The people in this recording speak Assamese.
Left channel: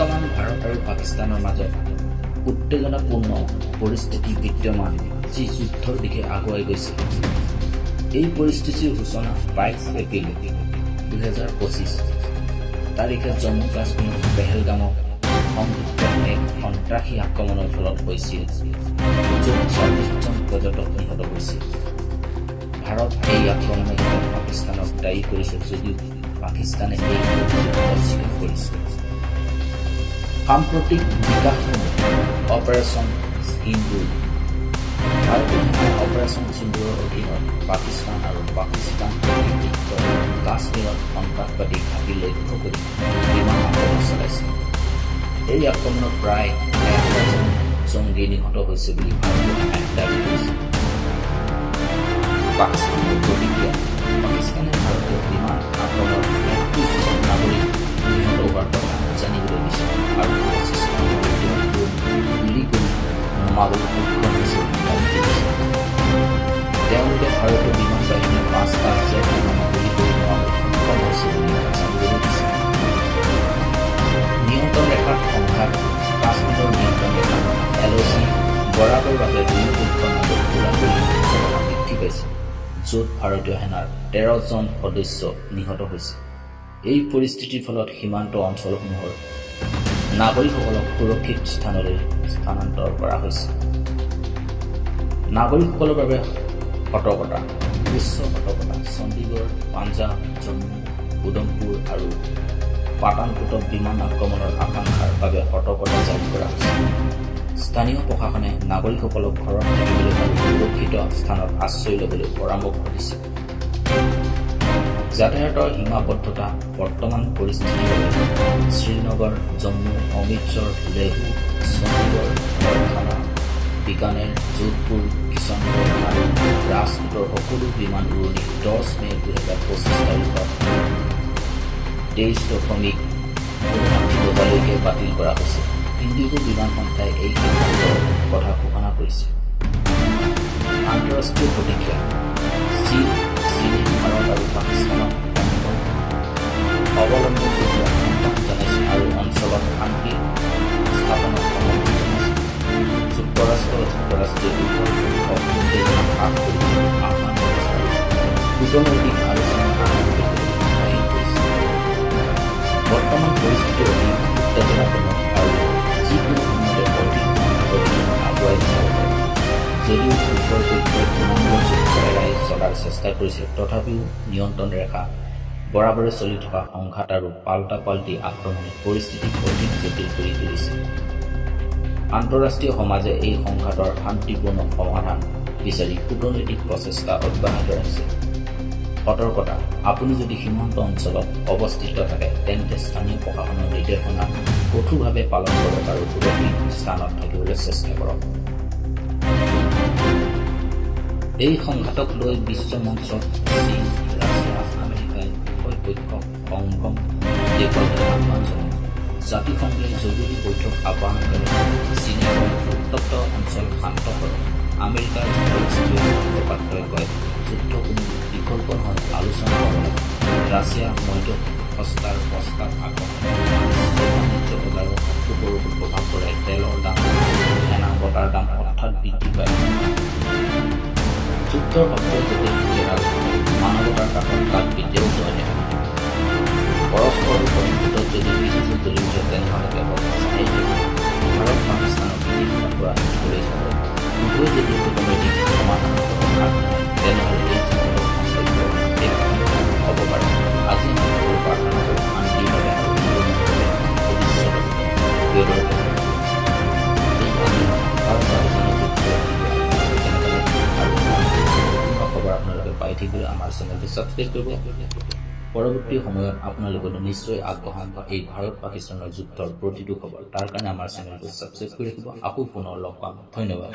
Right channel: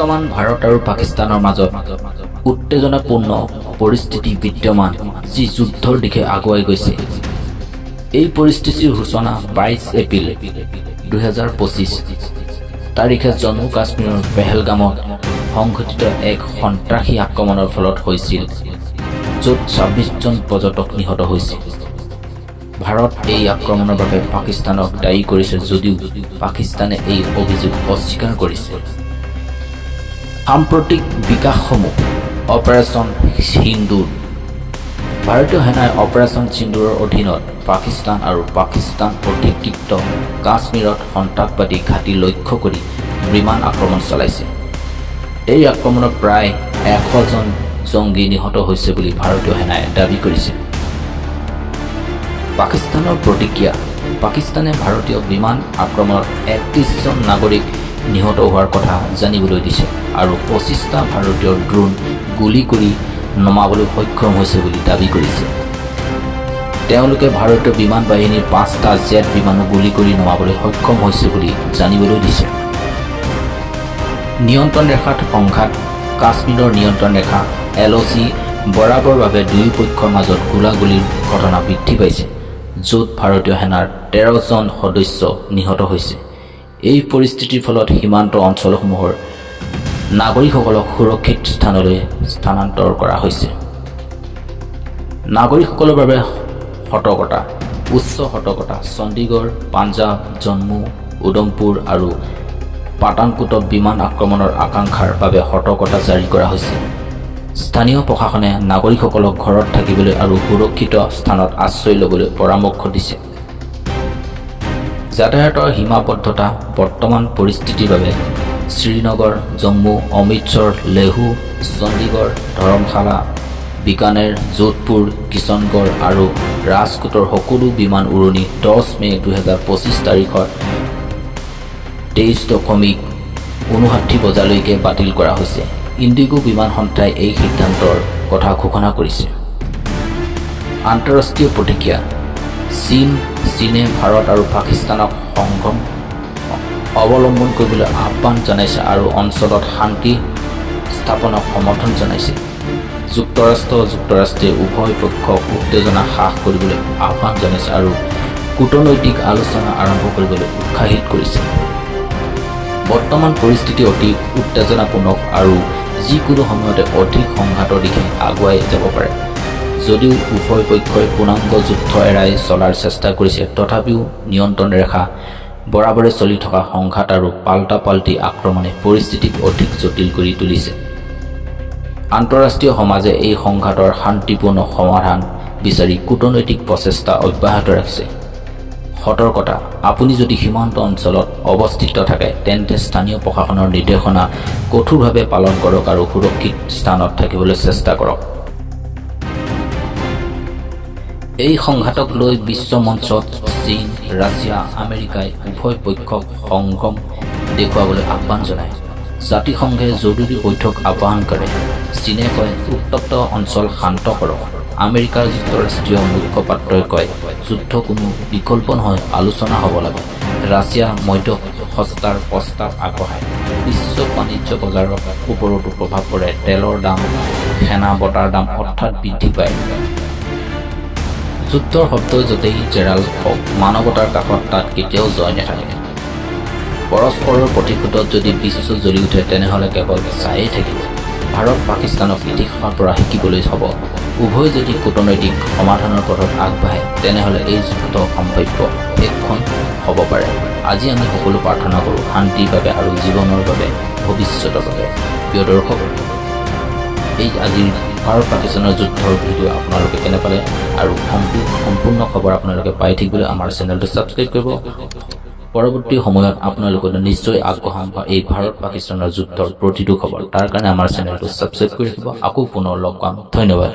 বৰ্তমান ভাৰত আৰু পাকিস্তানৰ মাজত উত্তেজনাপূৰ্ণ পৰিস্থিতি বিদ্যমান, যি যুদ্ধৰ দিশে আগুৱাই গৈছে। এই পৰিস্থিতিৰ সূচনা 22 এপ্ৰিল 2025 তাৰিখে জম্মু কাশ্মীৰৰ পেহেলগামত সংঘটিত এক সন্ত্ৰাসী আক্ৰমণৰ ফলত হৈছিল, য'ত 26জন পৰ্যটক নিহত হৈছিল। ভাৰত এই আক্ৰমণৰ বাবে পাকিস্তানক দায়ী কৰিছে যদিও পাকিস্তানে এই অভিযোগ অস্বীকাৰ কৰিছে। সাম্প্ৰতিক বিকাশসমূহ অপাৰেশ্যন সিন্দুৰ। ভাৰতীয় সেনাই অপাৰেশ্যন সিন্দুৰৰ অধীনত পাকিস্তান আৰু পাকিস্তান অধিকৃত কাশ্মীৰত সন্ত্ৰাসবাদী ঘাটি লক্ষ্য কৰি বিমান আক্ৰমণ চলাইছে। এই আক্ৰমণত প্ৰায় 100জন জংগী নিহত হৈছে বুলি ভাৰতীয় সেনাই দাবী কৰিছে। পাকিস্তানৰ প্ৰতিক্ৰিয়া। পাকিস্তানে ভাৰতীয় বিমান আক্ৰমণত 31জন নাগৰিক নিহত হোৱাৰ কথা জানিবলৈ দিছে আৰু 25টা ভাৰতীয় ড্ৰোন গুলী কৰি নমাবলৈ সক্ষম হৈছে বুলি দাবী কৰিছে। তেওঁলোকে ভাৰতীয় বিমান বাহিনীৰ 5টা জেট বিমানো গুলী কৰি নমাবলৈ সক্ষম হৈছে বুলি জানিবলৈ দিছে। নিয়ন্ত্ৰণ ৰেখাত সংঘাত। কাশ্মীৰৰ নিয়ন্ত্ৰণ ৰেখা LOC বৰাবৰভাৱে দুয়ো পক্ষৰ মাজত গোলাগুলিৰ ঘটনা বৃদ্ধি পাইছে, য'ত ভাৰতীয় সেনাৰ 13জন সদস্য নিহত হৈছে। এই পৰিস্থিতিৰ ফলত সীমান্ত অঞ্চলসমূহৰ নাগৰিকসকলক সুৰক্ষিত স্থানলৈ স্থানান্তৰ কৰা হৈছে। নাগৰিকসকলৰ বাবে সতৰ্কতা। উচ্চ সতৰ্কতা। চণ্ডীগড়, পাঞ্জাৱ, জম্মু, উধমপুৰ আৰু পাঠানকোটত বিমান আক্ৰমণৰ আশংকাৰ বাবে সতৰ্কতা জাৰি কৰা হৈছে। স্থানীয় প্ৰশাসনে নাগৰিকসকলক ঘৰত থাকিবলৈ আৰু সুৰক্ষিত স্থানত আশ্ৰয় ল'বলৈ পৰামৰ্শ দিছে। যাতায়াতৰ সীমাবদ্ধতা। বৰ্তমান পৰিস্থিতিৰ বাবে শ্ৰীনগৰ, জম্মু, অমৃতসৰ, লেহু, চণ্ডীগড়, ধৰমশালা, বিকানেৰ, যোধপুৰ, কিষণগড় আৰু ৰাজকোটৰ সকলো বিমান উৰণি 10 মে 2025 তাৰিখৰ 23:59 বজালৈকে বাতিল কৰা হৈছে। ইণ্ডিগো বিমান সংস্থাই এই সিদ্ধান্তৰ কথা ঘোষণা কৰিছে। আন্তঃৰাষ্ট্ৰীয় প্ৰতিক্ৰিয়া। চীনে ভাৰত আৰু পাকিস্তানক সংযম অৱলম্বন কৰিবলৈ আহ্বান জনাইছে আৰু অঞ্চলত শান্তি স্থাপনক সমৰ্থন জনাইছে। যুক্তৰাষ্ট্ৰে উভয় পক্ষক উত্তেজনা হ্ৰাস কৰিবলৈ আহ্বান জনাইছে আৰু কূটনৈতিক আলোচনা আৰম্ভ কৰিবলৈ উৎসাহিত কৰিছে। বৰ্তমান পৰিস্থিতি অতি উত্তেজনাপূৰ্ণ আৰু যিকোনো সময়তে অধিক সংঘাতৰ দিশে আগুৱাই যাব পাৰে। যদিও উভয় পক্ষই পূৰ্ণাংগ যুদ্ধ এৰাই চলাৰ চেষ্টা কৰিছে, তথাপিও নিয়ন্ত্ৰণ ৰেখা বৰাবৰে চলি থকা সংঘাত আৰু পাল্টা-পাল্টি আক্ৰমণে পৰিস্থিতিক অধিক জটিল কৰি তুলিছে। আন্তঃৰাষ্ট্ৰীয় সমাজে এই সংঘাতৰ শান্তিপূৰ্ণ সমাধান বিচাৰি কূটনৈতিক প্ৰচেষ্টা অব্যাহত ৰাখিছে। সতৰ্কতা। আপুনি যদি সীমান্ত অঞ্চলত অৱস্থিত থাকে তেন্তে স্থানীয় প্ৰশাসনৰ নিৰ্দেশনা কঠোৰভাৱে পালন কৰক আৰু সুৰক্ষিত স্থানত থাকিবলৈ চেষ্টা কৰক। এই সংঘাতক লৈ বিশ্ব মঞ্চত চীন, ৰাছিয়া, আমেৰিকাই উভয় পক্ষক সংযম দেখুৱাবলৈ আহ্বান জনায়। জাতিসংঘে জৰুৰী বৈঠক আহ্বান কৰে। চীনে কয় উত্তপ্ত অঞ্চল শান্ত কৰক। আমেৰিকাৰ যুক্তৰাষ্ট্ৰীয় মুখপাত্ৰই কয় যুদ্ধ কোনো বিকল্প নহয়, আলোচনা হ'ব লাগে। ৰাছিয়া মধ্যস্থতাৰ প্ৰস্তাৱ আগবঢ়ায়। বিশ্ব বাণিজ্য বজাৰৰ ওপৰতো প্ৰভাৱ পৰে। তেলৰ দাম, সেনা বঁটাৰ দাম হঠাৎ বৃদ্ধি পায়। যুদ্ধৰ শব্দ য'তেই জেৰাল হওক, মানৱতাৰ কাষত তাত কেতিয়াও জয় নাথাকে। পৰস্পৰৰ প্ৰতিশোধত যদি বিশ্ব জ্বলি উঠে তেনেহ'লে কেৱল চায়েই থাকিব। ভাৰত পাকিস্তানক ইতিহাসৰ পৰা শিকিবলৈ হ'ব। উভয় যদি কূটনৈতিক সমাধানৰ পথত আগবাঢ়ে তেনেহ'লে এই যুদ্ধ সম্ভাৱ্য শেষখন হ'ব পাৰে। আজি আমি সকলো প্ৰাৰ্থনা কৰোঁ শান্তিৰ বাবে আৰু জীৱনৰ বাবে, ভৱিষ্যতৰ বাবে। প্ৰিয় দৰ্শক, এই আজিৰ ভাৰত পাকিস্তানৰ যুদ্ধৰ ভিডিঅ' আপোনালোকে কেনে পালে আৰু সম্পূৰ্ণ খবৰ আপোনালোকে পাই থাকিবলৈ আমাৰ চেনেলটো ছাবস্ক্ৰাইব কৰিব। পৰৱৰ্তী সময়ত আপোনালোকে নিশ্চয় আগবঢ়াম এই ভাৰত পাকিস্তানৰ যুদ্ধৰ প্ৰতিটো খবৰ। তাৰ কাৰণে আমাৰ চেনেলটো ছাবস্ক্ৰাইব কৰি ৰাখিব। আকৌ পুনৰ লগ পাম। ধন্যবাদ।